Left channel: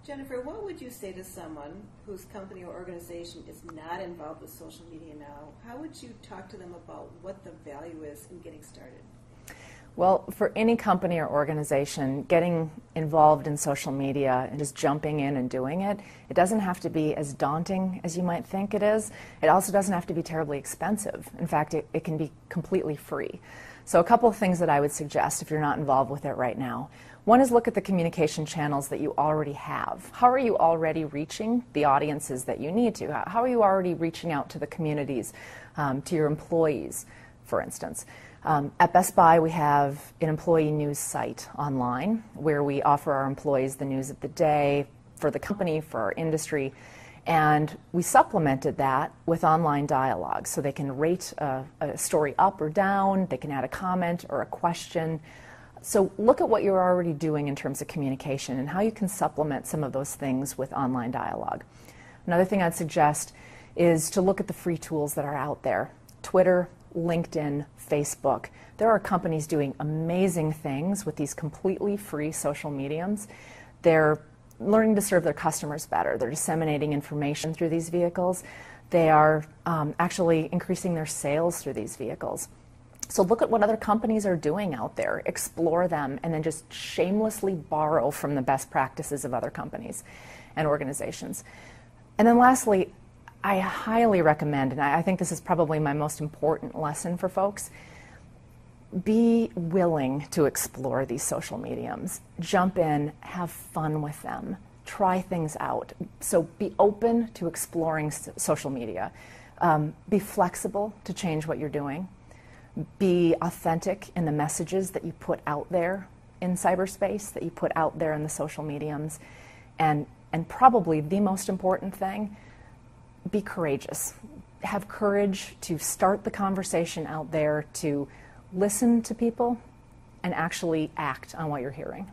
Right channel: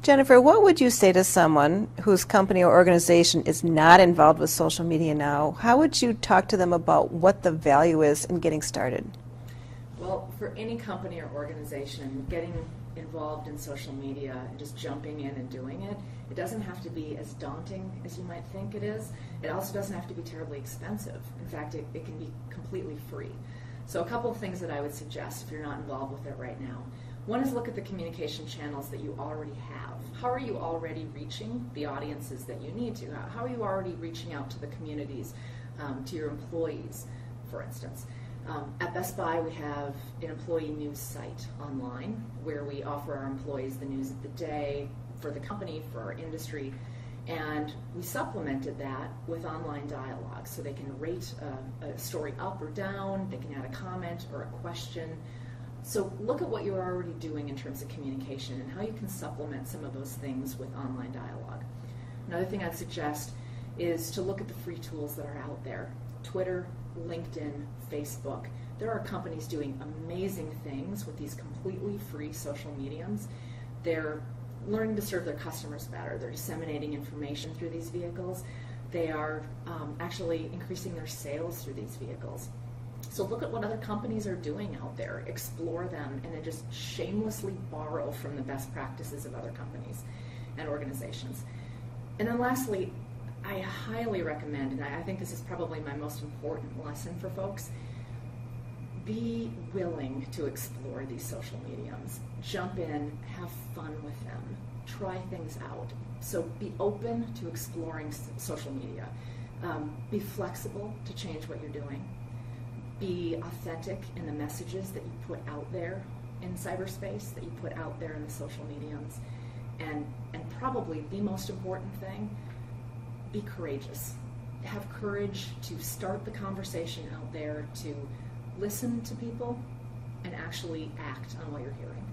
Jennifer, what would you say to someone whose company or organization is not involved with social media now? How would you talk to them about what the value is in getting started? Well, for any company or organization, getting involved in social media and just jumping in and doing it, it doesn't have to be as daunting as you might think it is. It also doesn't have to be terribly expensive. In fact, it can be completely free. So a couple of things that I would suggest if you're not involved with it right now. One is look at the communication channels that you already have. How are you already reaching the audiences that you need to? How are you already reaching out to the communities, to your employees, for instance? At Best Buy, we have an employee news site online where we offer our employees the news of the day for the company, for our industry, and we supplemented that with online dialogue so they can rate a story up or down, they can add a comment or a question. So look at what you're already doing in terms of communication and how you can supplement some of those things with online dialogue. Another thing I'd suggest is to look at the free tools that are out there. Twitter, LinkedIn, Facebook. There are companies doing amazing things with these completely free social mediums. They're learning to serve their customers better. They're disseminating information through these vehicles. They are actually increasing their sales through these vehicles. So look at what other companies are doing out there, explore them, and then just shamelessly borrow from the best practices of other companies and organizations. And then lastly, I highly recommend, and I think this is probably my most important lesson for folks, be willing to explore these social mediums. Jump in, have fun with them, try things out. So be open to exploring social media. Be flexible to change what you're doing. Be authentic in the messages that you put out there in cyberspace, that you put out there in the social mediums. And probably the most important thing, be courageous. Have courage to start the conversation out there, to listen to people and actually act on what you're hearing.